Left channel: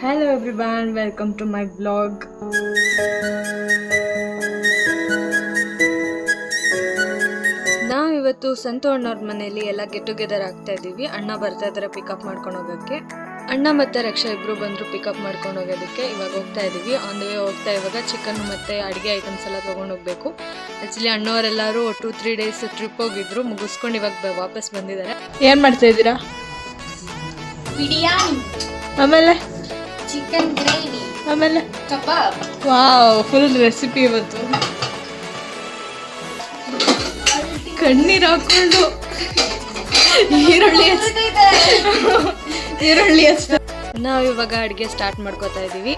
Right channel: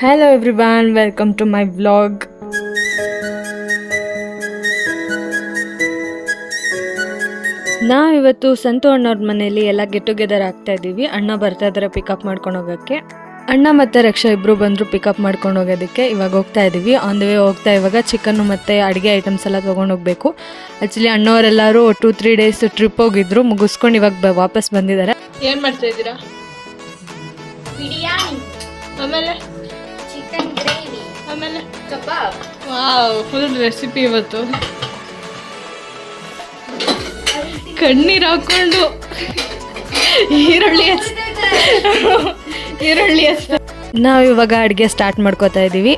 Hello everyone, welcome to my vlog. ನಾವಿವತ್ತು ಸಂತು ಅಣ್ಣವ್ರ ಮನೆಯಲ್ಲಿ ಎಲ್ಲ ಗೆಟ್ ಟುಗೆದರ್ ಆಗ್ತಾ ಇದ್ದೀವಿ. ಅಣ್ಣ ಬರ್ತಾ ಇದ್ದಾರೆ ಪಿಕಪ್ ಮಾಡ್ಕೊಂಡು ಹೋಗೋಕ್ಕೆ. ಅಣ್ಣ ಮತ್ತು ರಕ್ಷಾ ಇಬ್ಬರು ಬಂದರು ಪಿಕಪ್ ಮಾಡ್ಕೊಂಡು ಹೋಗೋದಕ್ಕೆ. ಇವಾಗ ಹೋಗ್ತಾ ಇದ್ದೀವಿ. ಆನ್ ದ ವೇ ಹೋಗ್ತಾ ಇವಾಗ ಚಿಕನ್ನು ಮತ್ತು ಅಡುಗೆ ಐಟಮ್ಸ್ ಎಲ್ಲ ತೊಗೊಂಡು ಹೋಗಬೇಕು. ಆ್ಯಕ್ಚುಲಿ ಅಣ್ಣವರೆಲ್ಲರೂ 2-3 ಡೇಸ್ ಟ್ರಿಪ್ ಹೋಗಿದ್ರು, ಮುಗಿಸ್ಕೊಂಡು ಇವಾಗ ವಾಪಸ್ ಬಂದಿದ್ದಾರೆ. ಏನು ಮಾಡ್ತಾ ಇದ್ದೀರಾ? ಬಿರಿಯಾನಿ, ಆಮೇಲೆ ಚಿಕನ್ ಗ್ರೇವಿ, ಆಮೇಲೆ ಕಬಾಬ್. ವಾವ್, ಫುಲ್ ರೆಸಿಪಿ ಇವತ್ತು. ಕಣ್ಣೀರು ಹಾಕೊಂಡು ಈರುಳ್ಳಿ ಹಚ್ತಾ ನಾವು ಇವಾಗ ಅಡುಗೆ ಸ್ಟಾರ್ಟ್ ಮಾಡ್ಕೋತಾ ಇದ್ದೀವಿ.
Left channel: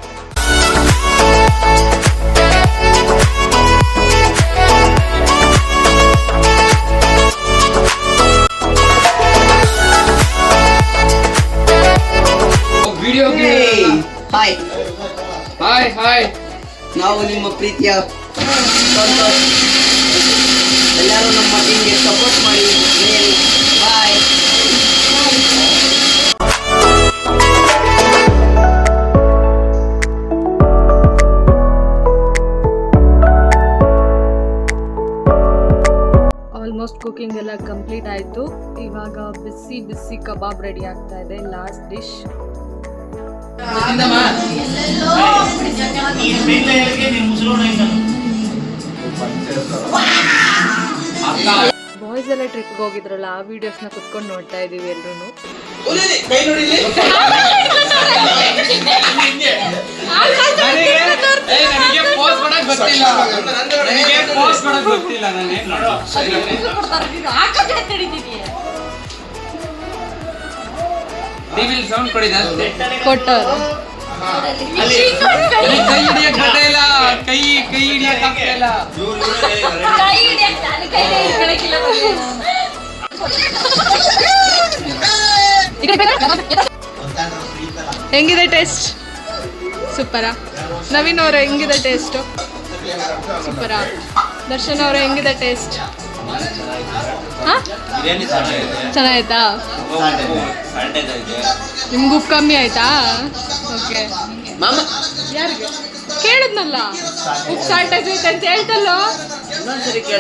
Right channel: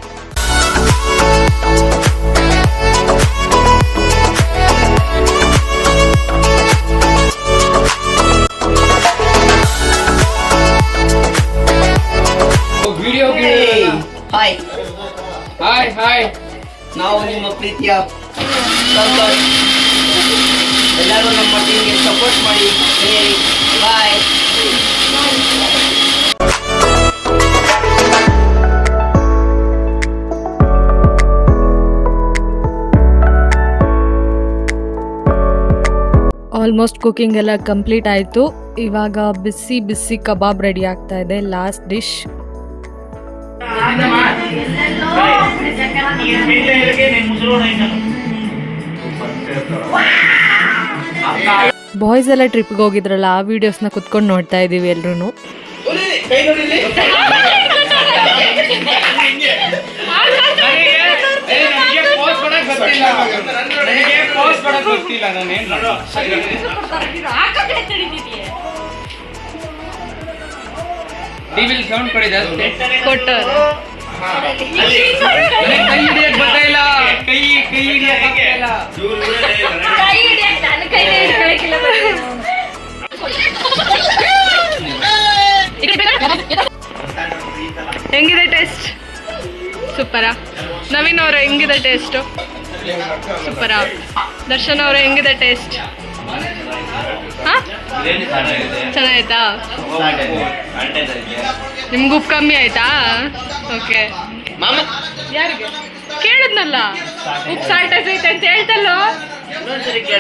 ಹಾಯ್ ಹಾಯ್ ಹಾಯ್, ನಾವು ನಿಮ್ಮ ಪ್ರೀತಿಯ ಸಂತೋಷ್. ಎಲ್ಲರೂ ನಮ್ಮ ಟೀಮ್ಗೆ ಸಪೋರ್ಟ್ ಮಾಡಿ. ಬಾಯ್. ಆಲ್ಮೋಸ್ಟ್ ಕುಕಿಂಗ್ ಎಲ್ಲ ಕಂಪ್ಲೀಟ್ ಆಯಿತು. ಇವಾಗ ಬಿಸಿ ಬಿಸಿ ಕಬಾಬ್ ರೆಡಿ ಆಗ್ತಾ ಇದೆ. Last dish. ಬಾಯ್ಸ್ ಎಲ್ಲ ಟ್ರಿಪ್ಗೆ ಹೋಗಿದ್ರಲ್ಲ, ಆ ವಿಡಿಯೋಸ್ನ ಕುತ್ಕೊಂಡು ನೋಡ್ತಾ ಇದ್ದೀವಿ ಎಲ್ರೂ. ಕೊಟ್ಟವ್ರೆ ಹೆಂಗಿದೆ ಟೇಸ್ಟ್? ಸೂಪರಾ? ನವೀನ್ ಅವ್ರೆ ಹೆಂಗಿದೆ ಟೇಸ್ಟು? ಸೂಪರಾ? ದರ್ಶನ್ ಅವ್ರೆ ಹೆಂಗಿದೆ ಟೇಸ್ಟ್? ಹಾಂ, ಚೆನ್ನಾಯ್ತಾ? ನಿಮ್ಗೆ ಉಪ್ಪು ಕಮ್ಮಿ ಆಯ್ತಾ? ಓಕೆ. ಯಾರಿಗೆ ಕೇಳಿದ್ನಲ್ಲ, ಉಪ್ಪು ಸಾಲ್ಟೇಜ್ ಐತೆ ಅಂತ ಹೇಳ್ತಲ್ಲೋ.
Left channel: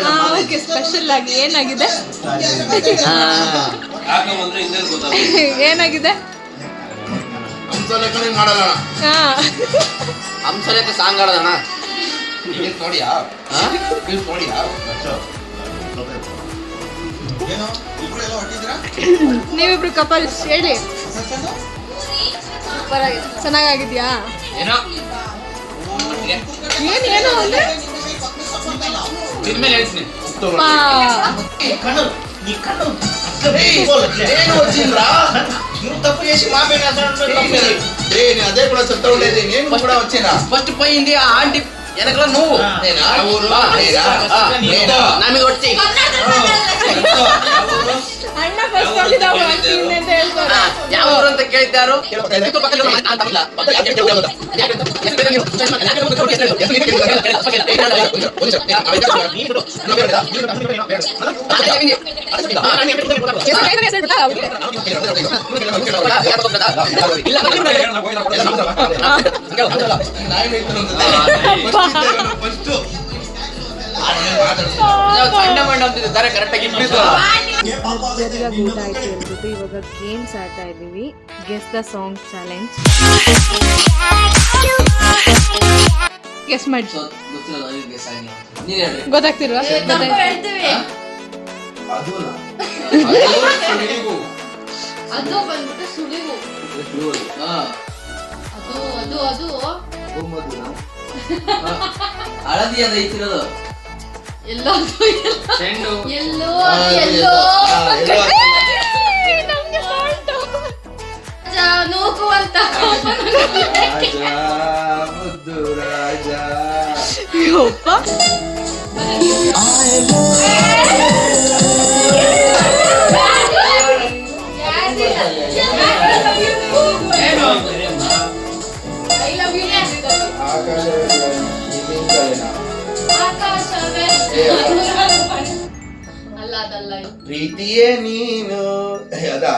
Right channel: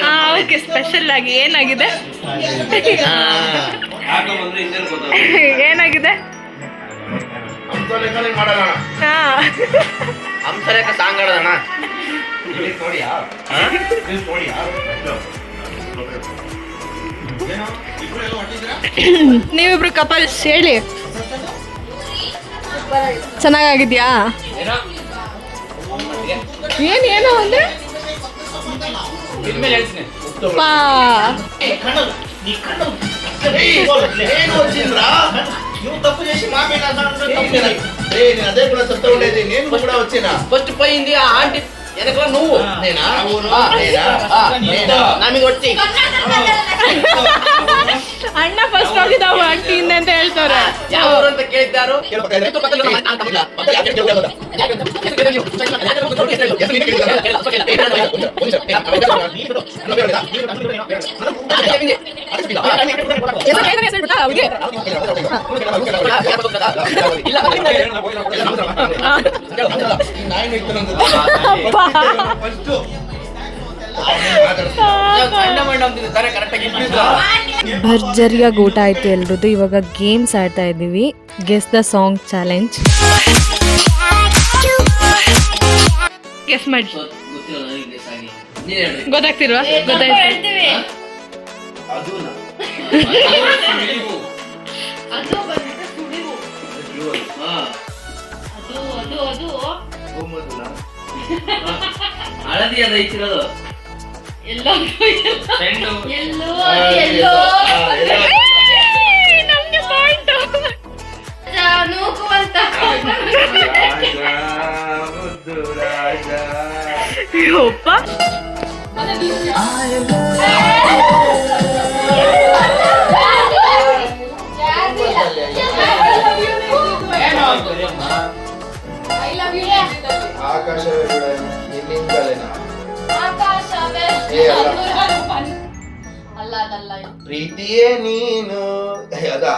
ಹಾಂ, ಓಕೆ. ಸ್ಪೆಷಲ್ ಆಗಿ ಏನಾಗಿದೆ? ಏನಾಗಿದೆ? ನೀವಿಬ್ರು ಕಪಲ್ಸ್ ಹೇಳಿ. ಚೆನ್ನಾಗಿದ್ಯಾ? ಏನೋ ಒಂದೇ అదే కూడా చెప్తా ఉండేది. నేను కూడా వచ్చినా ఫస్ట్ పోయింది ఆ ఆంటీ వెనక నువ్వు ನಮಗೆ ಹೊಟ್ಟಿ ಅಣ್ಣ ಫಸ್ಟ್ ಹೋಗಿದ್ದಾವ ಆಂಟಿಯಿಂದ ಅಂತ ಹೇಳ್ತಾರೆ. ಯಾವ ಅಂತ ಕೇಳಿದ್ದಾರು. ಭರ್ಜರಿಯಾಗಿ ಊಟ ಆಯ್ತು ಎಲ್ರದ್ದು. ಇವಾಗ ಗೇಮ್ಸ್ ಆಡ್ತಾ ಇದ್ದೀವಿ. Guess the song challenge. Guess ಮಾಡಿ. ಗೊತ್ತಾಗ್ತಿಲ್ವಾ? ಗೊತ್ತಾಯ್ತು. ಹಳದಿ ಅದ ಐತಿರೋದು. ಎಲ್ಲೋ ನಮ್ಗೆ ಪಾಯಿಂಟ್. ನೂಕು ಅಂತ ಯಪ್ಪ. ಅಲ್ಲ ಅದಲ್ಲ ಇದು. ಪ್ರೀತಿಯೇ ನೀನು ಅದಾ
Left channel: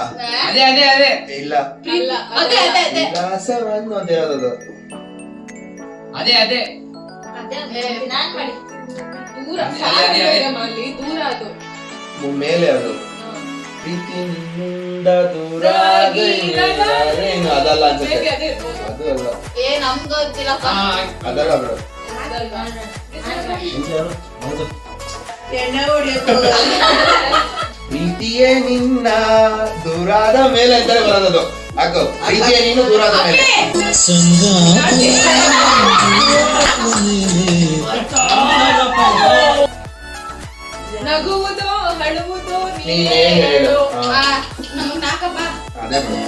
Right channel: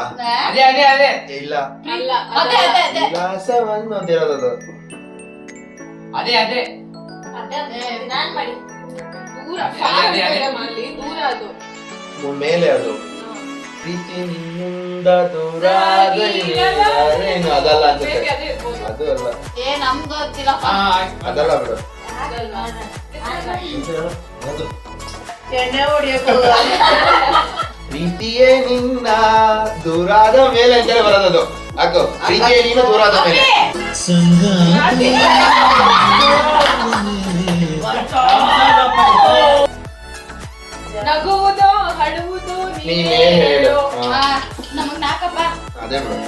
ಅದೇ ಅದೇ ಅದೇ ಇಲ್ಲ ಅಲ್ಲ ಅದೇ ಅದೇ ಅದೇ ವಿಲಾಸವನ್ನು ಅಂತ ಹೇಳೋದು ಅದೇ ಅದೇ ನಾನ್ ಮಾಡಿ ದೂರ ಅದೇ, ಅದೇ. ಅಲ್ಲಿ ದೂರ ಅದು ಮೇಲೆ ಅದು ಪ್ರೀತಿಯಿಂದ ದೂರ ಏನು ಅದಲ್ಲ ಅನ್ಸುತ್ತೆ ಅದೇ ಇರ್ಬೋದು. ಅದು ಅಲ್ಲ ನಮ್ಗೆ ಗೊತ್ತಿಲ್ಲಪ್ಪ. ಅದಲ್ಲ ಬಿಡು ಹೌದು. ಪ್ರೀತಿಯೇ ನಿನ್ನ ದೂರಾದ ಮೇಲೆ ಅಂತೇಳಿ ಬರೋದದು ಹಾಕು ಪ್ರೀತಿಯೇ ನೀನು ದೂರಾದ ಮೇಲೆ ನಗುವುದು ಹಳುವುದು ನೀನೇ ಹೇಳು ಹಾ, ನಮಗ್ ನಾಕಪ್ಪ. ಅದೇ ಬಿಡು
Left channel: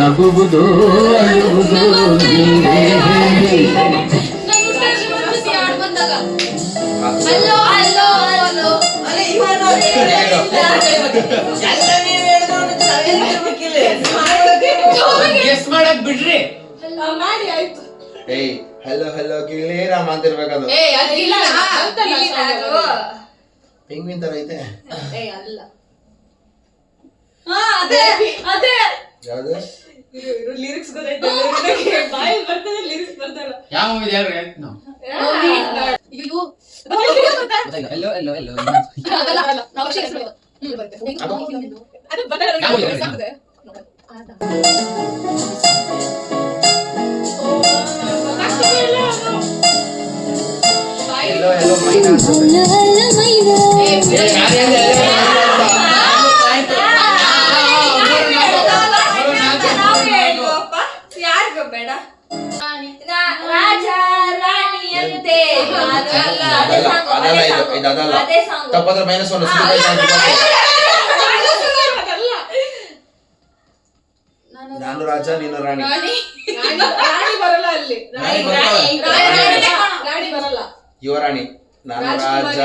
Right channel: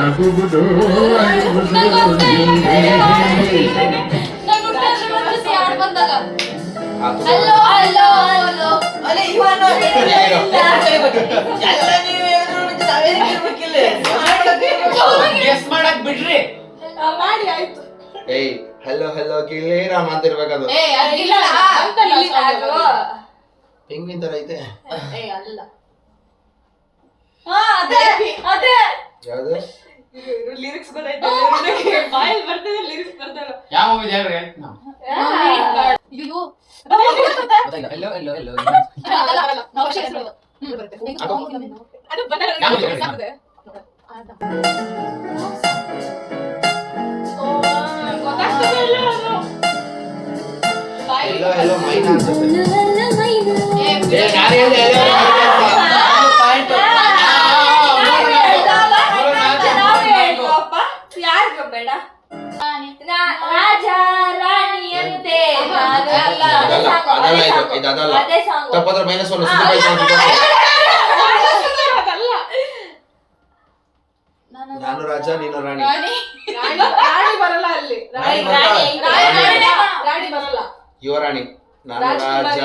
ನಗುವುದು ಅಳುವುದು ನೀನೇ ಹೇಳಿ. ನಾನು ಯಾರು ಬಂದಾಗ ಹಾಕು. ಹಲೋ ಹಲೋ ಹಲೋ ಗೆಸ್ ಮಾಡಕ್ ಬಿಡ್ರಿ. ಮಾಡಿ ಆಯ್ತು ಏಯ್ ಹಲೋ ಹಲೋ ಗಿಳೇರಾಮ ಅಂತ ಇರ್ಬೇಕದು ಏ ಅದಿಲ್ಲ ಅಂತಲ್ಲ ಅದು. ಹೆಂಗಿನ ತರ ಐತೆ ಏ ಅಲ್ಲ ಅದೇ ಅದೇ ಯಾವ್ದು ಲಿರಿಕ್ಸ್ ಗೊತ್ತಾಯ್ತು ಬಾಯಲ್ಲಿ ಬರ್ತದೆ ಲಿರಿಕ್ಸ್ ಬರ್ತಾರ ಯಾವ ಮೂವಿ ಹೇಳ್ರಿ ನಾವು ಅಯ್ಯೋ ಎಲ್ಲೋ ಎಲ್ಲೋ ಎಲ್ಲೋ ಅದಲ್ಲ ನಾವು ಸೇರಿಸ್ಬೇಕು. ಅದು ಬಂದಾಗ ಯಾವ movie? ಸಾಕದೆ ಎಲ್ಲೋ ಎಲ್ಲೋ ಮೈನಾ ಅನ್ಸುತ್ತೆ. ಏ, ಯಾರು ಹೇಳಿದೆ? ಯಾರಿಗೂ ಬೇಡ ರಾಜ ರಾಣಿಯಂತೆ ಅದಲ್ಲ ಇದು ಇದು ಅದಲ್ಲ ತಪ್ಪಾದ್ರೆ -1 ಅದಲ್ಲ ನಾನು ರಾಜ ನೀನು ರಾಣಿ ರಾಣಿ ಬರಲ್ಲ ಅಲ್ಲಿ ರಾಣಿ ಬರಲ್ಲ ಯುವರಾಣಿ ನಾನು ರಾಜ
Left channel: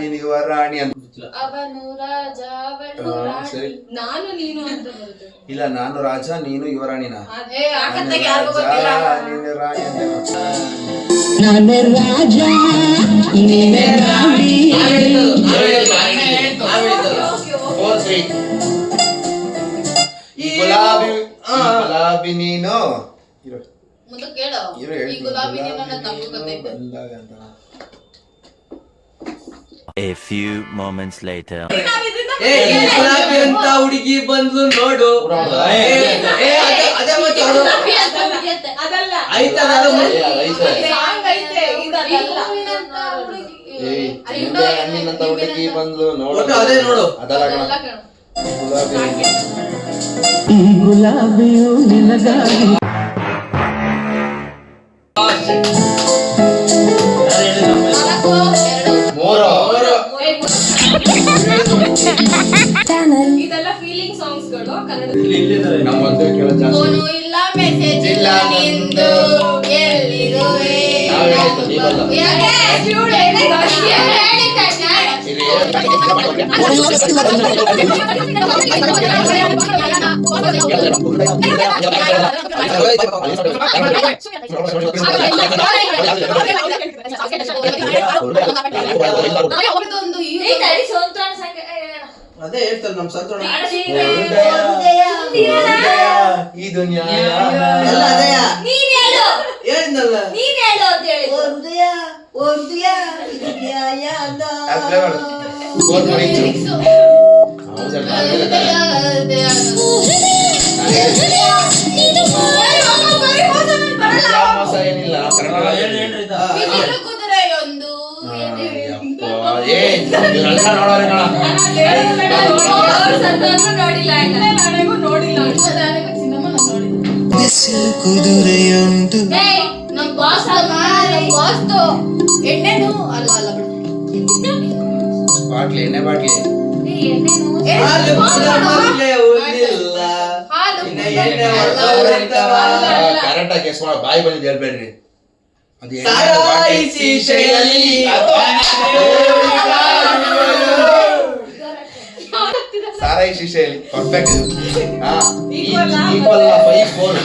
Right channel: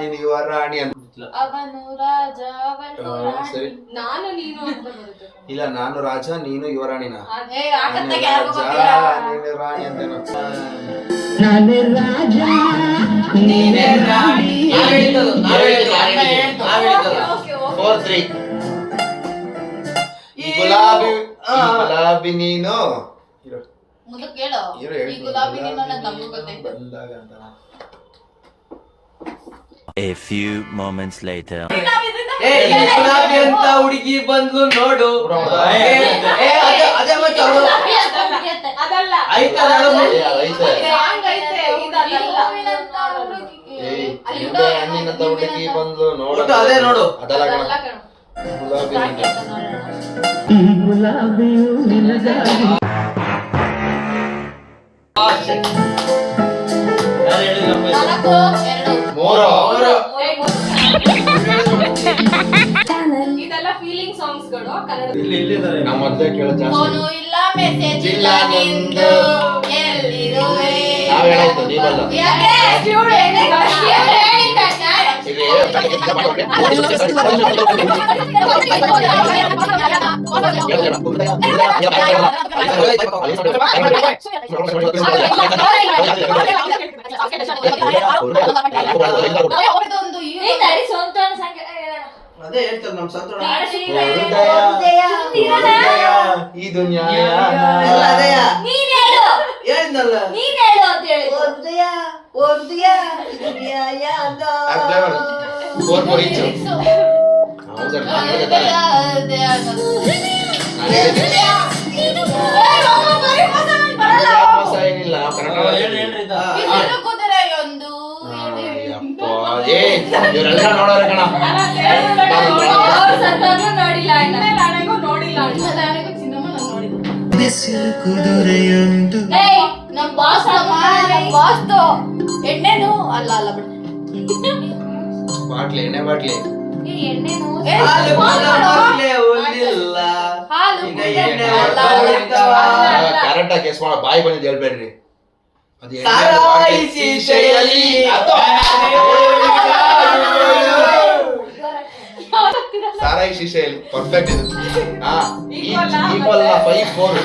ನೀನು ಯುವರಾಣಿ ಅಂತ ಅವನು ರಾಜ ಅವಳು ಸರಿ ರಾಣಿ. ನಾನು ನೀನು ಅಂತ ಬರುತ್ತೆ ಇಲ್ಲ ನಾನು ರಾಜ ನೀನು ಯುವರಾಣಿನ ಏ ಆಕತ್ತಾಗ ಯಾರಿಗೂ ರಾಜ ಗೊತ್ತಿಲ್ಲ. ನೀನು ರಾಣಿ ಅಂತ ನಾನೇ ರಾಜ ನೀನೇ ರಾಣಿ. ನಾವ್ ಹೇಳಿದ್ದು, ನಾವ್ ಹೇಳಿದ್ದು, ಅಣ್ಣ ಹೇಳ್ತು. 4-3 ಈ ಗುಲಾಬಿ ನೀನು ಇರು ಮುಂದಕ್ಕೆ ಕೇಳು. ಇರು ಈ ಹೇಳ್ತೀನಿ. ಗುಲಾಬಿ ನಿಮ್ಮನ್ನ ಗುಲಾಬಿ ತಪ್ಪು ನೀನು ಗೊತ್ತೈತೆ. ಬಂದಾಗ ಅಂತ A few moments later. ಏ ಈ ಗುಲಾಬಿ ಅಂತ ಹುಡುಗಿ ಬಂದ್ಲು ನೋಡು ಅದೇ ಮತ್ತೆ ಅವ್ರು ಗುಲಾಬಿ ಅಂತ ಹುಡುಗಿಯತ್ತೆ. ಅದಲ್ಲ ಆಯ್ತದ ಅದು ಏ, ಅದೈತೆ ಸಾಂಗ್ ಐತೆ ಇದು ಈ ಅದಲ್ಲ ಹೂವಿನಂತ ಹುಡುಗಿ. ಏಯ್ ನಿಂಬೆ ಹಣ್ಣಿನಂತ ಹುಡುಗಿ ಬಂದು ನೋಡು ಒಟ್ಟು ಅದೇ ನೋಡು. ಅದಲ್ಲ ಕಣ ಅದಲ್ಲ ಕಣೋ. ಗುಲಾಬಿ ಈ ಗುಲಾಬಿಯು ನಿನಗಾಗಿ. ನಾಲ್ಕು, ಎರಡು. ಮೂರು ಇದೆಲ್ಲ ಫೀಲಿಂಗ್ ಸಾಂಗ್ಸ್ಗಳು ಕನ್ನಡ ನಮ್ಮ ಮಧ್ಯೆ ಕೇಳೋ ಜಾಸ್ತಿ ಫೋನು ಇಲ್ಲ ಮೆಸೇಜ್ ಇಲ್ಲ ನಿಂದು ಎಲ್ಲಿರುವೆ ನಾವ್ ಹೇಳಾಯ್ತು ನೀವಲ್ಲ ಯಾಕೆ ಇವ್ಳು ಹೇಳಿದ ಇವ್ಳು ಹೇಳಿದ್ದ ಇಲ್ಲಿ ಒಂದು ಈ ತಡಿ ಸೋಂತೋಣ ಸಂಖ್ಯೆ ಅದೇ ಹೇಳ್ತಾರೆ ನಮ್ ಸಂತೋಣ ಈ ದುನಿಯಾ ಎಲ್ಲ ಅದೇ ನೀನ್ ಹೇಳು ಹೇಳಿದ್ನಲ್ಲ ನೀನ್ ಹೇಳು ಅಂತ ಹೇಳಿ ಏನಿಲ್ಲ ನಾವು ಕನ್ನಡ ಕುದುರೆ ಒಂದು ಇವರೆಲ್ಲ ನೋಡೋರೆ ಕಣ ಅವ್ರು ಸತ್ತೋದ್ರು ನೋಡಿಲ್ಲ ಅಣ್ಣ ನೋಡಿಲ್ಲ ಕುದುರೆಯೊಂದು ಏಯ್ ನಮ್ ಬಾಸ್ ನಮ್ ಬಾಸ್ದು ಎಣ್ಣೆನು ಅಲ್ಲ ಅಲ್ಲ ಬಿಡು ಬಾಟ್ಲಿ ಎಣ್ಣೆ ಬಾಟ್ಲಿ ಎಣ್ಣೆನು ಹಾಲು ಕುಡಿಯೋರ್ಗೆ ಉಳಿಲ್ಲ. ಹಾಲು ಇನ್ನ ಎಣ್ಣೆ ಅಲ್ಲ, ಹೊಡ್ದವ. ಕರೆಕ್ಟ್ ಆಗಿ ಕೆಸ್ ಮಾಡೋ ಬಾಯಿ ಬಂದಿದ್ದು ಹೇಳ್ಬೇಡ್ರಿ ಅದು ಎಣ್ಣೆ ಸಾರಾಯಿ ಬಾಟ್ಲಿ ಶೀಶೆಯಲ್ಲಿ ಅದು. ಸಾರಾಯಿ ಶೀಶೆಯಲ್ಲಿ ಪರ್ಫೆಕ್ಟ್ ಹಾ ಈಕ್ವಲ್ 5-4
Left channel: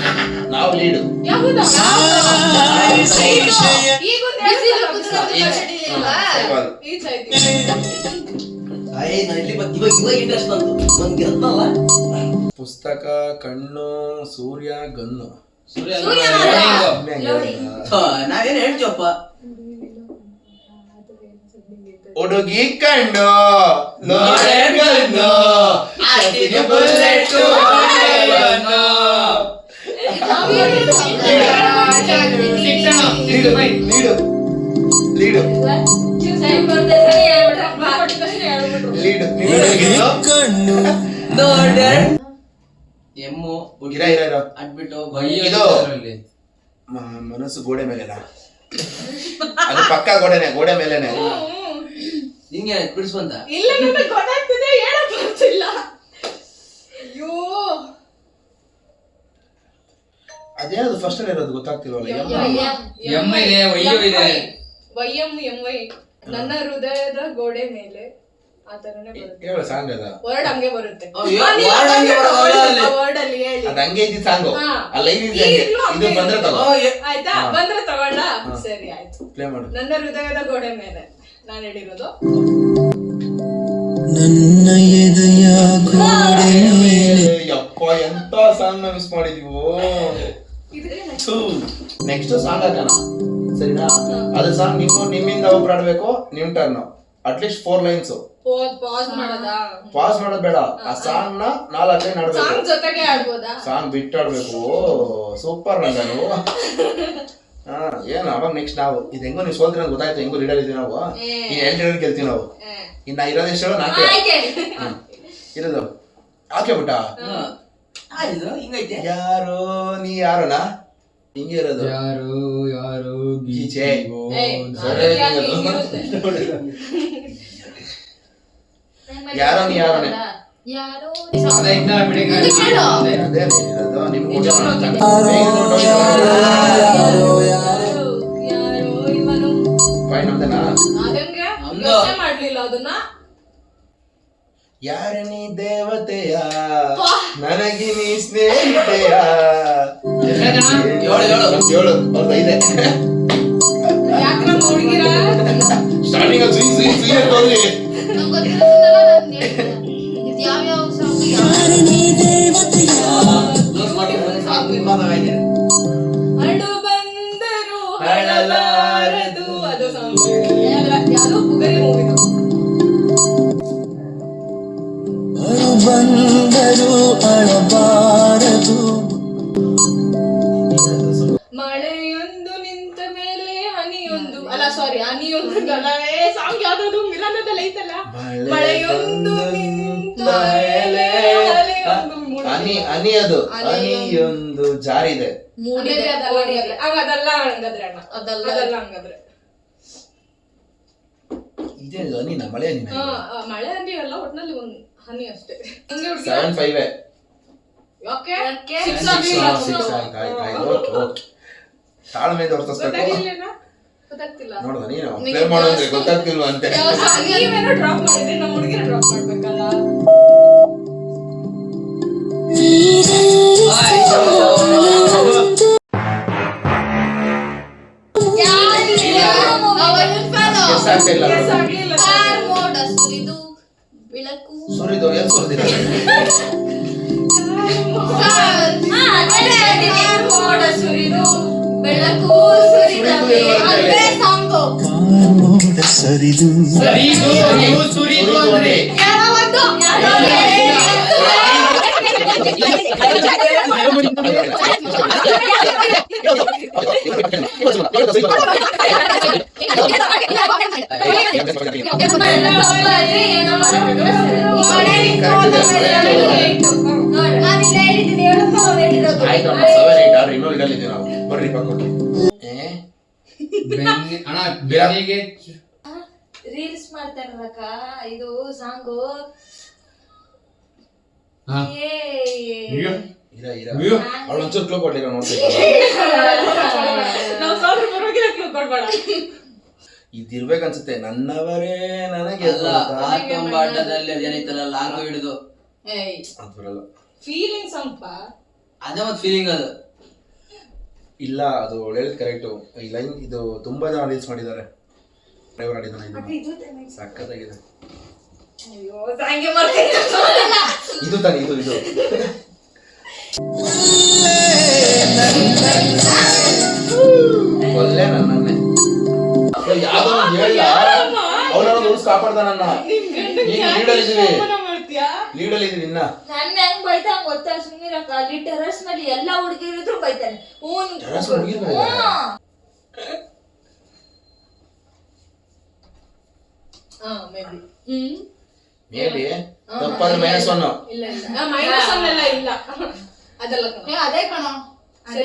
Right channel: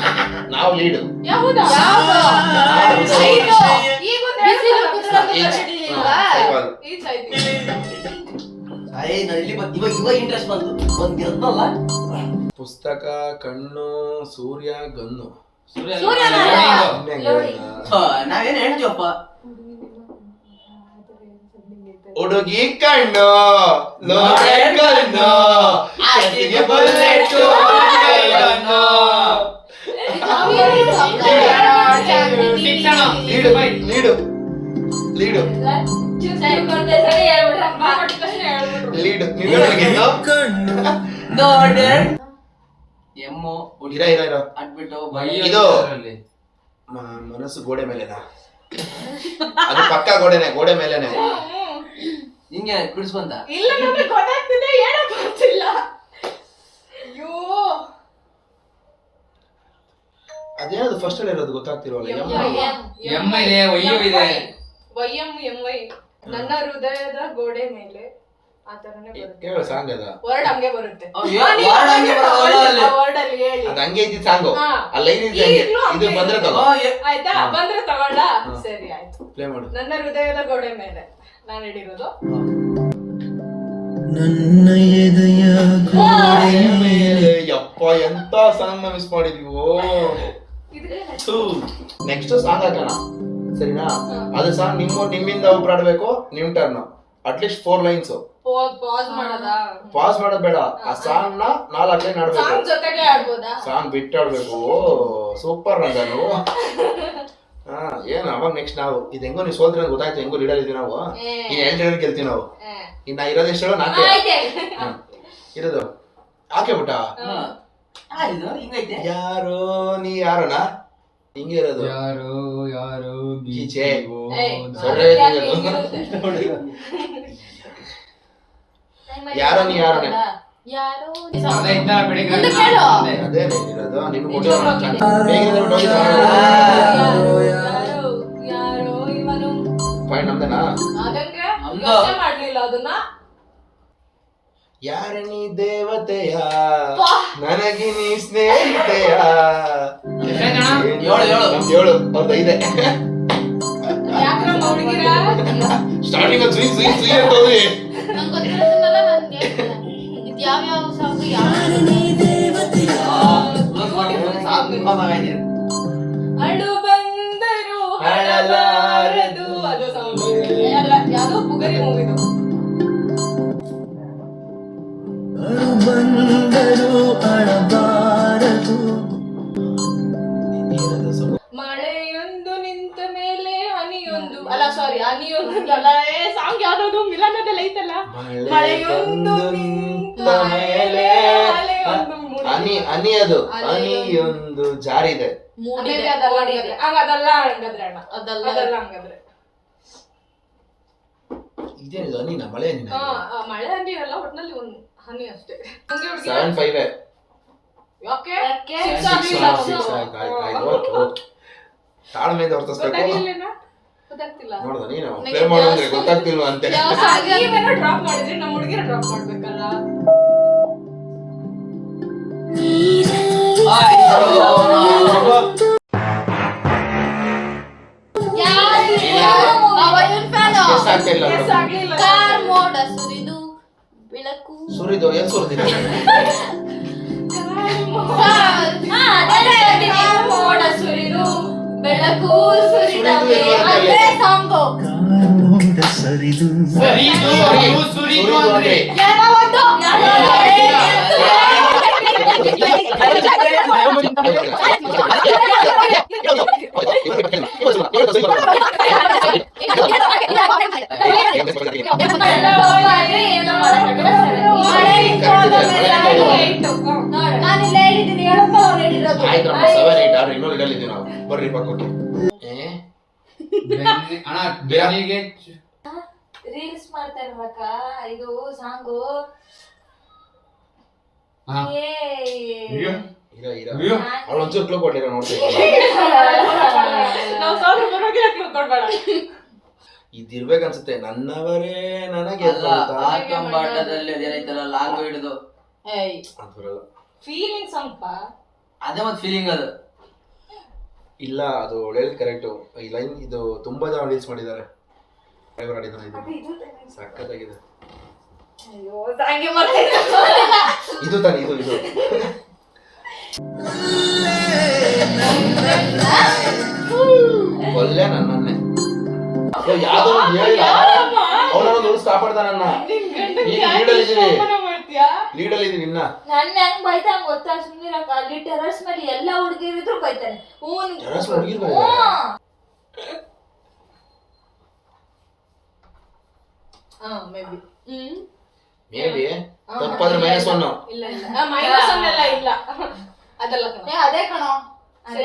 ನಾವು ಲೀಡ್ ಯಾವ್ದಾ? ಸಾರಾಯಿ ಈಗ ಬಿಸಿಲು ಕುದುರೆ ಒಂದು ಕನ್ನಡಿ ಇರ್ಲಿಲ್ವಾ? ಸೈಕಲ್. ಈಚ್ ಆಯ್ತು. ನಾನು ಇಲ್ಲಿ ಇವಾಗ ಇಂಟ್ರೆಸ್ಟ್ ಬಂತು ಒಂದು ಗೆದ್ದಲ್ಲ ಪುಸ್ತಕ, ಕಣ್ಣು, ಸೂರ್ಯ, ಗನ್ನು. ನಾವೇನು ಹೇಳ್ತೀವಪ್ಪ ಹುಡುಗಿ ಕಣ್ಣು, ಲೋಡೆ ಗನ್ನು, ಆಕೆಗೆ bullet gun. Lead lead lead ಕಣ್ಣು ನೋಡೆ ಎಮ್ಮು ಇರ ಇರ ಇರ. ಅಡ್ಬಿಟ್ಟು ಇದು ಮನಸ್ಸು ಗೋಡೆ ಮೇಲೆನಾ? ಅದು ಪಕ್ಕ ಗೋಡೆನೆ, ಗೋಡೆ ಮೇಲೆನೆ. ಹಿಂಗೆ ಬಿಡಿಸುವಂತ ಇಲ್ಲ ನಮಗೆ ಗೊತ್ತಾಗ್ತಿದೆ ಹೇಳಕ್ ಬರ್ತಿಲ್ಲ. ಅಯ್ಯೋ ಅದೇನದು ಫಸ್ಟ್ ಅಲ್ಲಿ ಇರೋದು ಗೊತ್ತಾಗ್ತಿಲ್ವಲ್ಲ. ಎಮ್ಮ ಇದೆ, ಒಯ್ಯು ಇದೆ. ವೈ ನನ್ನ ಹೃದಯದ ಗೋಡೆ ಮೇಲೆ ಆ ತರನೇ ಬರುತ್ತೆ. ಹೇಳು ಸಾಂಗ್ ಅದ. ವರ್ಡ್ ಹಂಗೆ ಬರುತ್ತೆ. word ಹಂಗೆ ಬರೋ word ಅಲ್ಲಿ. ವರ್ಡ್ ಅಲ್ಲಿ ಹೇಳಿ. ಅದ ಹಂಗೆ ಇದ್ದಿದ್ ಸಾಂಗು. ಹಾ. ಆ ಲೈನ್ ಇದೆ ಹಂಗೆ. ಈಗ್ಲೂ ಇದು ಹಂಗೆ ಬಂದ್ರೆ ಇದೆ. ತಗೋ. ಆಯ್ತಾ ಬಂದ್ರೆ ತಗೊಳ್ಳ. ಸರಿ ಆಯ್ತು. ಪ್ಲೇ ಮಾಡು. ನನ್ನ ಹೃದಯದ ಗೋಡೆ ಮೇಲೆ ನಾನು ಹೇಳಿರೋದು. ನನ್ನ ಎದೆಯ ಗೋಡೆ ಮೇಲೆ. ಯಪ್ಪ ಎಂತ ಸಾಂಗ್ ಮಿಸ್ ಮಾಡಿದೀವೋ. ನೆಕ್ಸ್ಟ್ ಸಾಂಗ್ ಹಾಕೋಣ ಸರಿನಾ? ಅದು ಸಾಂಗ್ ನಿಮ್ಮಿಂದ ಒಬ್ರು ಆಡ್ಬೇಕು. ನಿಮ್ ಟರ್ನ್. At least 4 lines. ಪಾಸ್ ಮಾಡೋದಾ? ಪಾಸ್ ಮಾಡೋದ್ ಬೇಡ. ಆ ಸಾಂಗ್ ನ 4 ಲೈನ್ ಆಡ್ಬೇಕು. ಸಾಂಗ್ ಜೊತೆಗೆ ಆಡ್ಬೋದಾ? ಸಾಂಗ್ ಬಿಟ್ಟು ಆಡ್ಬೇಕು. ಸೂಪರ್ ನಂದನು. ಹಾ ಏನ್ ಅವಾಗ ನೆಕ್ಸ್ಟ್ ನಾವು ಇದು ಹೆಂಗೋ ನೀವು ಸೋಲ್ತೀರ ಗೊತ್ತಾಯ್ತು. ಹೆಂಗೋ ಲೀಡರ್ ಇದೀವಿ ನಾವು. ಈಗ 2 ಲೀಡರ್ ಗೆಲ್ತೀವಿ ನಾವು. ಇನ್ನ ಇರೋದೆಷ್ಟು ಹೇಳೋ 4 ಇರೋದು ಹಾಕೆ ಬಿಟ್ಟ. ಹಿಂಗೈತೆ ಯಾರೋ ನೀ ಯಾರೋನಾ ಹಿಂಗೆ ಇರೋದು. ಯಾರು ಯಾರು ಗೀಚೆ. ಸರಿ ಯಾರೋ ನೀ ಯಾರೋನೆ. ಯಾರೋ ಅದೇ ಇದ್ದ ಬೆಳಿಗ್ಗೆ ಮುಂದೆ ಕೇಳು. ಅದೇ ಇರೋದು ನಿಮ್ಗೆ ನಿಜವಾಗ್ಲೂ ಹೋಗಿದೆ. ಯಾರೋ ಇವನು ಫೈನ್ ನಮ್ದೇನಾ? ಅದಂಗೆ ನಮ್ದು. ಯೋಚ್ನೆ ಮಾಡ್ಲಿಲ್ಲ ಅದನ್ನ. ಯಾರ ನೀ ದೇವತೆಯ ನನಗೆ ನೀ ಸ್ನೇಹಿತೆಯ. ಏಳು. ನಮ್ದು 7 ಅವ್ರದ್ದು 5 ಯಾಕೆ ನಮ್ಮ ಹುಡುಗಿರ ಸ್ಟಾರ್ಟಿಂಗ್ ಅಲ್ಲಿ ಸುಯಿ ಸುಯಿ ಸುಯಿ ಅಂತ ಹೋದ್ರಿ. ನಂಗೆ ಗೊತ್ತಿರೋದನ್ನೆಲ್ಲ ನಾನು ಹೇಳ್ತೀನಿ. ಇದು ಯಾವ್ಯಾವ ಸಾಂಗ್ ಅಡು ಬಂದರು ಹಳಲಾರದು ಅದು ಸಾಂಗ್. ಯಾವ್ದೋ ಪುಗರಿ ಮೂವಿದು. ಅಳು ಬಂದರು ಅಳಬಾರದು. ಮಳೆಯೊಂದು ನಿಂತ ಮೇಲೆ ಹನಿಯೊಂದು ಅಲ್ಲ ಸಾರಿ ಹನಿಯೊಂದು ಅಲ್ಲ. ಸಾಂಗ್ ಯಾವ್ದು ಮಿಲನದಲ್ಲಿ ಐತಲ್ಲ. ಮಳೆಯೊಂದು ನಿಂತ ಮೇಲೆ ಅಲೆಯೊಂದು ಹನಿ ಹನಿ ಅದು ಹನಿಯೊಂದು ಜಾರಿದೆ. ಮೂಡಿದೆ. ಅದಲ್ಲ ಹಂಗಾದ್ರೆ ಅಣ್ಣ ಅದಲ್ಲ ಹಂಗಾದ್ರೆ ಇದೇ ಹನಿ ನಾ ಮಳೆ ಹನಿ. ಮಳೆ ಹನಿ ಅಲ್ಲ ಒಟ್ನಲ್ಲಿ ಒಂದು ಹನಿ ಅಷ್ಟೇ. 7-5 ಯಾಕೆ ತಾಳ್ಮೆ ತೋರಿಸ್ಬೇಕು. ಗೊತ್ತಾಗ್ತಿಲ್ಲ ನೋಡ್ದ ನೀನು ಪ್ಲೇ ಮಾಡೋದ್ರೆ ಗೊತ್ತಾಗ್ತಿಲ್ವಾ ಅಂತ. ನೀವೇನೋ ಡ್ರಾಪ್ ಮಾಡಿದ್ರೆ ನಮ್ಮ ಹುಡುಗಿನ ಡ್ರಾಪ್ ಮಾಡ್ಬೇಕಲ್ಲ. ಆಗ್ತಿಲ್ಲ ಸುರಿದು ಏನ್ ಸುರಿದಿದೆ? ಬೆಳಕು ಸುರಿದ ಕಾಮೋಡ ಸರಿದು ಸರಿದು ನೀವು ಸುರಿದು ಅಂದ್ರೆ ಬರ್ರಿ ಪಕ್ಕ ಅಣ್ಣ ಬೆನ್ನಿಗೆ ರೀಲ್ಸ್ ಮಾಡ್ತಾರಕ್ಕ ಇದು ಸಾಂಗು ಅವಳು ಒಂಚೂರು ಕ್ಲೂ ಕೊಟ್ಟಿರೋ ನೋಡ್ಬೇಕು. ಇದಿರ್ಬೇಕನ್ಸುತ್ತೆ. ನನ್ನವರೇ ನನಗೆ ಆಟಂಬಾಟದಲ್ಲಿ ಅದೇನೈತಲ್ಲ ಲಾಂಗ್ ಹಿಡಿದು ಅದು ಬರಲ್ಲ. ಫೀಲಿಂಗ್ಸ್ ಅಂತ ಅದೇ ಮತ್ತೆ ಫೀಲಿಂಗ್ ಅದು ಇಲ್ಲ ಅದು ಹೇಳಿದ್ ಕರೆಕ್ಟು. ಈ ಲೈನ್ ಇದು ತುಂಬಾ ಜನ ರೀಲ್ಸ್ ಮಾಡಿದ್ದಾರೆ. ಸಕ್ಕತ್ತಾಗಿದೆ. ಅಯ್ಯೋ ಹಂಗೆ ಮಾಡ್ತಾ ಇದು ತಾನೆ ಇದು ಒಳ್ಳೆ ನನ್ನೇ ಯಾವ್ದೋ ಒಂದು ಹೇಳಿಲ್ಲ ಅವನೊಂದು ಉಳಿಸ್ ಕಾಪಾಡ್ದ ನನ್ನ. ಈಗ ಲೀಡಲ್ ಇದೀವಿ ಇನ್ನ. ನನ್ನ ಹೆಂಗ್ ಬೈತಾನ ಗೊತ್ತಾ ಸುಮ್ಮನಿರಕ್ಕ. ಅಲ್ಲಿ ಟೆರಸ್ ಮೇಲೆ ಎಲ್ಲಾ ಹುಡುಗಿರಿದ್ರು ಬೈತಾನೆ. ಟೆರಸ್ ಹುಡುಗಿರ್ ಬೈತಾರಾ? ಮೇಬಿ ತಪ್ಪಾದ್ರೆ -1. ಇಲ್ಲ ಇಲ್ಲ ಅದಲ್ಲ ಅದೇ ಕಣೋ ಸರಿ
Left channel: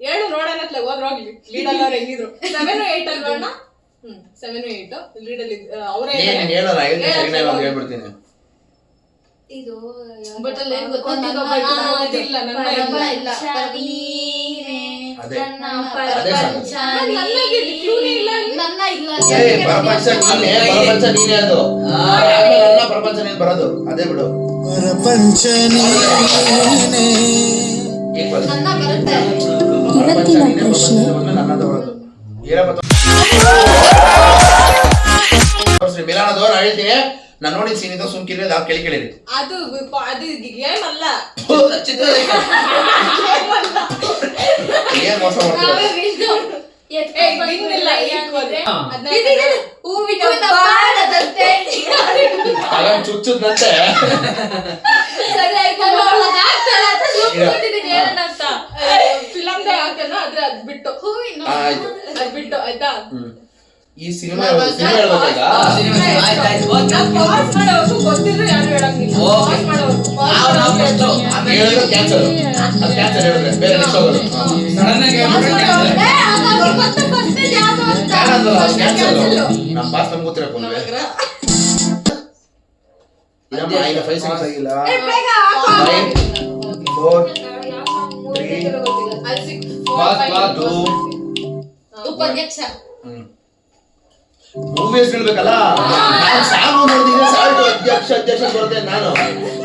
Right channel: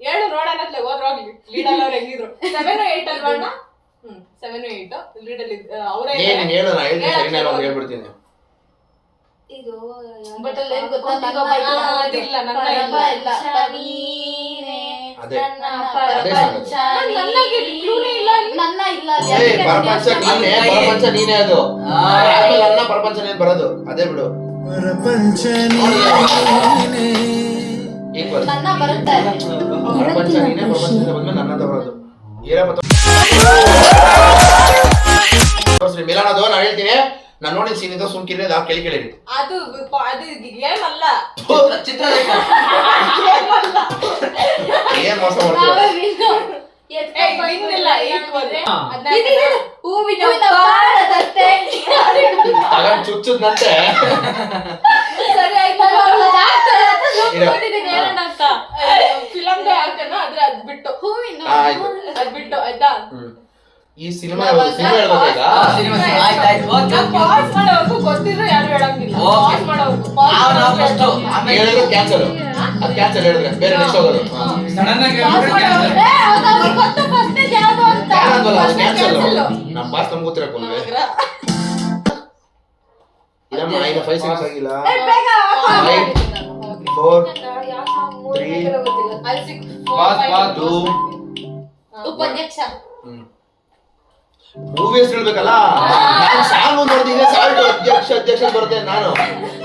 ಹೇಳು ನೋಡೋಣತ್ಲೆ ಹೋಗ್ಲಿ ಲೀಡಲ್ ಅವ್ರು ಹೆಂಗಿದ್ರು 7 8 ಅಲ್ವಾ ಅಣ್ಣ 7 8 ಲೀಡಲ್ ಅವರೇ ನೀನು ಹೇಳು ನಾ ಹೇಳ್ತೀನಿ ಸರಿನಾ ಇವಾಗ ಹೇಳ್ಬಿಡ್ತೀನಿ. ಇದು ಬಟ್ ಅಲ್ಲಿ ಏನ್ ಗೊತ್ತಾ ಇಲ್ಲ ನನ್ನ ಇಲ್ಲ ಅದೇ ನನ್ನ ಅದೇ ಪ್ರಪಂಚ ನನಗೆ ಕ್ಲೂನೇ ಇಲ್ಲ ನನ್ನ ಇಲ್ಲ ಪ್ರಪಂಚ ನೀನೇ ಅದು ಆಮೇಲೆ ನನ್ನ ಪ್ರಪಂಚ ನೀನ್ ಬರೋದು ಅದೇ ಬಿಡು. ಈಕ್ವಲ್ ನನ್ನ ಬರುತ್ತೆ. ಪ್ರಪಂಚ ನೀನೇ ಬಂದ್ಮೇಲೆ ನನ್ನದು ಬರೋದು. ಏನಪ್ಪ ಮಿಲಾನದು ನಾ ಹೇಳ್ತೀನಿ. ನಾನು ನೋಡಿ ಸೀನ್ ಇದು ಸುಮ್ಕಿರಿ ನಾವು ಕೇಳಿರಿ. ಅದು ಗೇಮ್ ಅಲ್ಲ ಚಿತ್ರ ಏನ್ ಮೋಸ ಮಾಡ್ತೀರಾ? ಹೂವಿನ ಬಾಣದಂತೆ ತಗೊಂಡ್ ಚುಚ್ಚುದ್ನಂತೆ. ಸರಿ ಆಯ್ತು ಏನಂತ ಫಿಲಮ್ ಆಗ್ತಾನ ಆದ್ರೆ ಅದ್ ಬಿಟ್ಟು ಹೂವಿನ ಆಯ್ತು ಅದ್ ಬಿಟ್ಟು ಆಯ್ತಾ. ಈ ಸಿನಿಮಾ ಹೇಳ್ಬೇಕಾ ಈಗ? ಪಾಸ್ ಮಾಡೋವರೆಗೂ ಗೊತ್ತಿದ್ರು ಯಾರು ಹೇಳಂಗಿಲ್ಲ. ಪಾಸ್ ಮಾಡೋವರೆಗೂ ಹೇಳಿದ್ರೆ ಕ್ಯಾನ್ಸಲ್. ಅದು ಕ್ಯಾನ್ಸಲ್ ಹೇಳಿದ್ರೆ ಬೇರೆ ನೆಕ್ಸ್ಟ್ ಹೋಗೋದು. ಸಡನ್ ಆಗಿ ಕ್ಯಾನ್ಸಲ್ ನಮ್ಮ ಬಾಸ್ ನಮ್ಗೆ ಗೊತ್ತಿರಪ್ಪ ಇಲ್ಲಮ್ಮ ಈಗ 5 ಸೆಕೆಂಡ್ಸ್ ಆಗಿಲ್ಲ. 5 4 3 2 ಉಪಾಧ್ಯಕ್ಷ ಮೂವಿ ಹೆಸರು ಹೇಳ್ಬೇಕಲ್ಲ. ನಾನು ಸಾಂಗ್ ನೋಡಿದ್ರೆ ಸಾಂಗ್ ಅಧ್ಯಕ್ಷ ಬರುತ್ತೆ ನಾನು.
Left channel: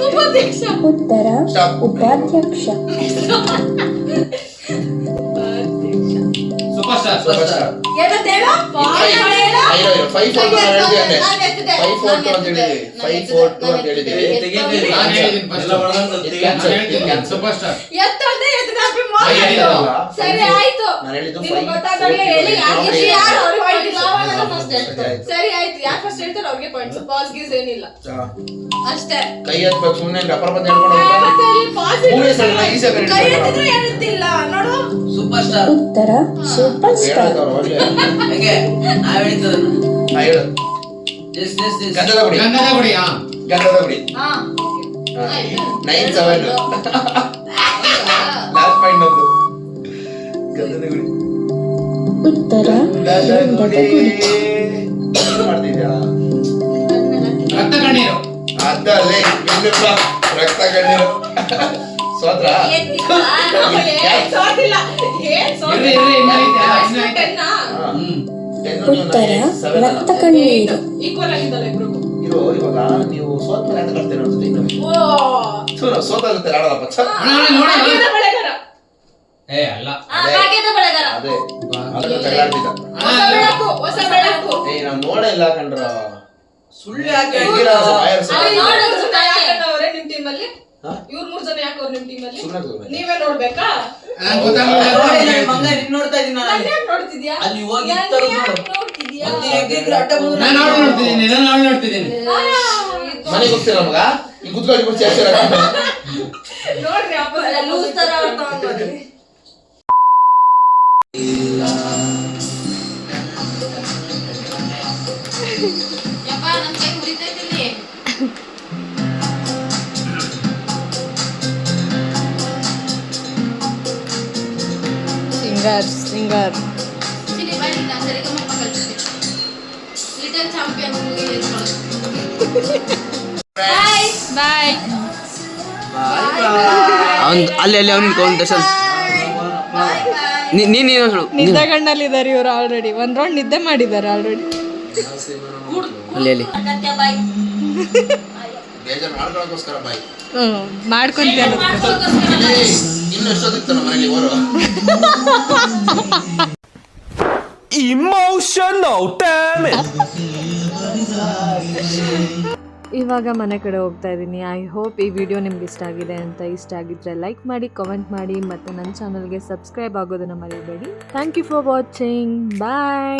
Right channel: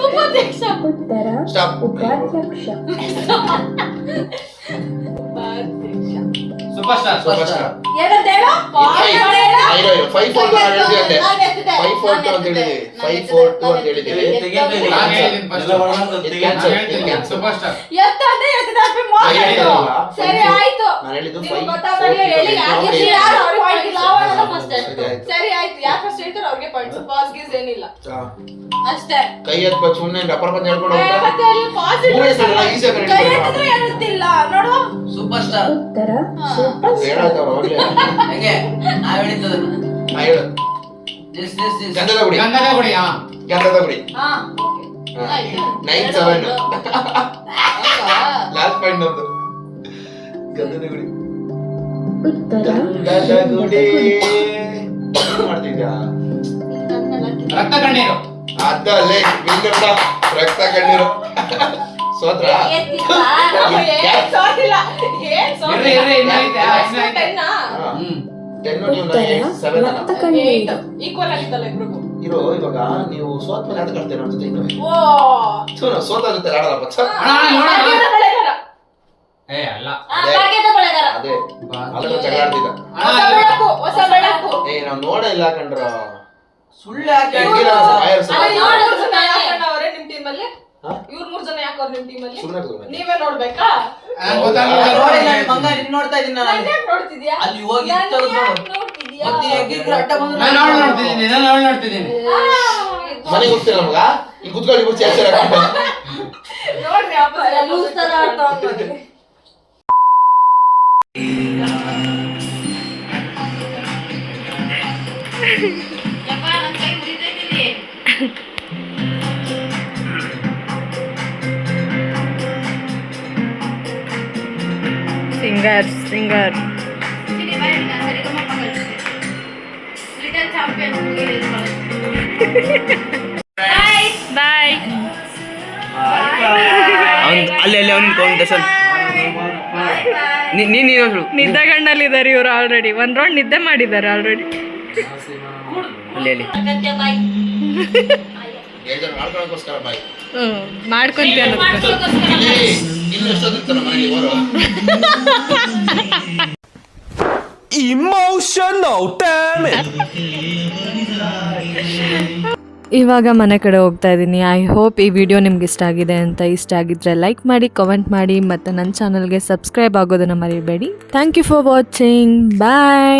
ಉಪಾಧ್ಯಕ್ಷ ಉತ್ತರ ಸ್ಟಾಪ್. ಉಪಾಧ್ಯಕ್ಷ ಸೂಪರ್ ಸ್ಟಾರ್ ಏನಂತೇಳು 5 4 2 ಅಂತ ಹೇಳಿದ್ವಿ. 5 4 2 ಅಂತ ಹೇಳಿದ್ವಿ. 5 4 2 ಅಂತ ಹೇಳಿದ್ವಿ. ನಾನು ಹೇಳಿದ್ದೀನಿ ಫಸ್ಟ್ ಸೂಪರ್ ಸ್ಟಾರ್ ಎತ್ತಂದ್ರೆ ಎತ್ತದಾಪಿ ಸರಿ ಆಯ್ತು. ನಾನು ಹೇಳಿದ್ದು ನಿಮ್ಗೆ 5 ಗೊತ್ತಾಗಲ್ಲ ಹೇಳಿ ಯಾರು ಅವ್ರಿಗೆ ಪಾಯಿಂಟ್ ಇಲ್ಲ ಅವನ ಫಸ್ಟ್ ಸರಿ ಆಯ್ತು ಯಾರು ಫಸ್ಟ್ ಹೇಳ್ತಾರೆ ಅವ್ರಿಗೆ ಪಾಯಿಂಟ್ಸ್. ಪಾಸ್ ಗೀಸ್ ಏನಿಲ್ಲ ಅಷ್ಟೇ. ಕೈ ಎತ್ಬೇಕು ಸುಮ್ಮನೆ ಪ್ರಪಂಚ ಹೇಳ್ಕೊಂಡು ಮತ್ತೆ ಅಲ್ಲಿ ಪಾಸ್ ಮೂವಿ ಹೆಸರು ಈಸಿ ಆಗಿ ಕೈ ಎತ್ತಿದ್ರು ಎತ್ತಿಲ್ಲ ನೋಡು. ಸೂಪರ್ ಸ್ಟಾರ್ ಉತ್ತರ ಸೂಪರ್ ಸ್ಟಾರ್ ಹೇಳ್ತಾವ್ರು ಒಳ್ಳೆ. ಹೇಗೆ ನಾವ್ ಹೇಳಿದ್ದದನ್ನ ಹೇಳು ಎಸ್ ಗಂಧದ ಗುಡಿ. ಗಂಧದ ಗುಡಿ ಗಂಧದ ಗುಡಿ ಹಾ 9 7 ಲಾಸ್ಟ್ ಪಾಯಿಂಟ್ ನಮ್ದು. ಗಂಧದ ಗುಡಿ. ಉತ್ತರ ಗಂಧದ ಗುಡಿ. ಏನ್ ಮಾಡ್ತಿದ್ಯಾ? ರಕ್ತ ಕಣ್ಣೀರು ಅದಲ್ಲೇ ಬಿಂಗಪ್ಪ ರಕ್ತ ಕಣ್ಣೀರು. ಸೋತ್ರ ಎತ್ತಿಲ್ಲ ಏನ್ ಸೋತಿಲ್ಲ ಏನ್ ಇರ್ರಿ ಇರ್ರಿ ಇನ್ನ ಐತೆ ಇನ್ನ ಐತೆ 10 ಉತ್ತರ ರಕ್ತ ಕಣ್ಣೀರು ಈಕ್ವಲ್ ಆಗಿದ್ದಲ್ಲ ಇಬ್ರಿಗೂ. ಇರೋ ಇವಾಗ ನೀವು ಸೋತ್ ಮೇಲೆ ಅಂತ ಕಟ್ತೇನೆ ನೋಡ್ತೀನಿ. ಓ ಸೋತ ಜೊತೆ ಆಡಲ್ಲ ಪಚ್ಚ. ನೋಡ ಭಾಗ್ಯದ ಬೆಳೆಗಾರ ಏ ಅಲ್ಲ ಭಾಗ್ಯದ ಬೆಳೆಗಾರ ಅದೇ ಅದನ್ನ ಜಗಳಾಡ್ತಿದ್ದ. ಹೊಸ ಬೆಳಕು ಏ ನಾವ್ ನೋಡೇ ಇಲ್ಲ ಕಂಡ್ರ. ಸುಳ್ಳು ಯಾಕೆ ಹೆಂಗಿಲ್ಲ ಆಯರ್ ಅಲ್ಲ, ಸುಮ್ನೆ ಇವ್ರು 3 ಜನ ಯಾಕಂಡವ್ರೆ ನಿಮ್ ಟೀಮಲ್ಲಿ? ಹಾ? ಇವ್ರು 3 ಜನ ಯಾಕವ್ರೆ ನಿಮ್ ಟೀಮಲ್ಲಿ? ಸುಮ್ನೆ ತಗೋಬೇಕು. ನೀವೇ ನೋಡ್ಬೇಕಾ? ನೋಡಿ ನಾನು ಬಂಗಾರ ಇನ್ನು ನೋಡ್ತಾ ಇದೀನಿ ನಾನು ನನ್ ಯಾಕ್ ನೋಡ್ತಿದ್ಯಾ? ಅಲ್ಲಿ ಹೋಗಿ ನನ್ ತೆಗ್ದು ಯಾಕ್ ನೋಡು. ನೋಡ್ತಿದ್ಯಾ? ಮತ್ತೆ ಹೆಗ್ಗಿದ್ರು ಅಡ್ಡ ಬಂದ್ರು ನಾನು ಅವಳು ನೋಡ್ತಿದ್ದೀನಿ ನಾನು ಅವಳು ನೋಡ್ತಿದ್ದೀನಿ ಮನೆಗೆ ಹೋಗ್ತೀರ ಮಗ ಈ ಕುತ್ಕೊಳ್ಳಿ ಕುರ್ಚಿ ಹಚ್ಚಿರ ನೋಡ್ರಿ ವಾಪಸ್ ಲೂಸ್ ತರ ಆಡ್ತಾವ್ ನೋಡಿ. ಯಪ್ಪ ನನ್ನ ಕೈ ಉರಿತೈತಿಲ್ಲಿ. ಸಿಂಗರ್ ಇಲ್ಲಿ ಬೈ ನಾನು ಸರಿಗಮ ಕಲಿಸ್ತೆ. ಲಿಟಲ್ ಚಾಂಪಿಯನ್ ಬಾಯ್ ಅಲ್ಲಿ ಅಲ್ಲಿ ಅವ್ನಿಗೆ ಕಾಂಪಿಟೇಷನ್ ನೀನು ಹೇಳು ನಿದ್ದೆಗಣ್ಣಲ್ಲಿದ್ದಾರೆ ಇವರು ಆಲ್ರೆಡಿ ಒಂದ್ ರೌಂಡ್ ನಿದ್ದೆ ಮಾಡಿದ್ದಾರೆ ಆಲ್ರೆಡಿ. ಅಲ್ಲಿ ಅಲ್ಲಿ ಬಾಯ್ ಬೇಜಾರು ಮಾಡ್ಕೊಳ್ಳೋಕ್ಕೋಸ್ಕರ ಬಾಯ್ ಮಾಡ್ಕೊಂತೀಯ ಇನ್ನು ಎಷ್ಟೊತ್ತಿರ್ತಾನ ಮನೇಲಿ ಓರು emotional, damn it. ಇವಾಗ ಮನೆ ಕಡೆ ಹೋಗ್ತಾ ಇದ್ದೀನಿ. ಐ ಹೋಪ್ ಈ ವಿಡಿಯೋ ನಿಮ್ಗೆ ಇಷ್ಟ ಆಗಿದೆ ಅಂತ. ಇಷ್ಟ ಆಗಿದ್ರೆ ಲೈಕ್ ಮಾಡಿ, ಕಮೆಂಟ್ ಮಾಡಿ ಮತ್ತು ನನ್ನ ಚಾನಲ್ಗೆ ಸಬ್ಸ್ಕ್ರೈಬ್ ಆಗೋದನ್ನು ಮರಿಬೇಡಿ. Thank you for watching. Bye.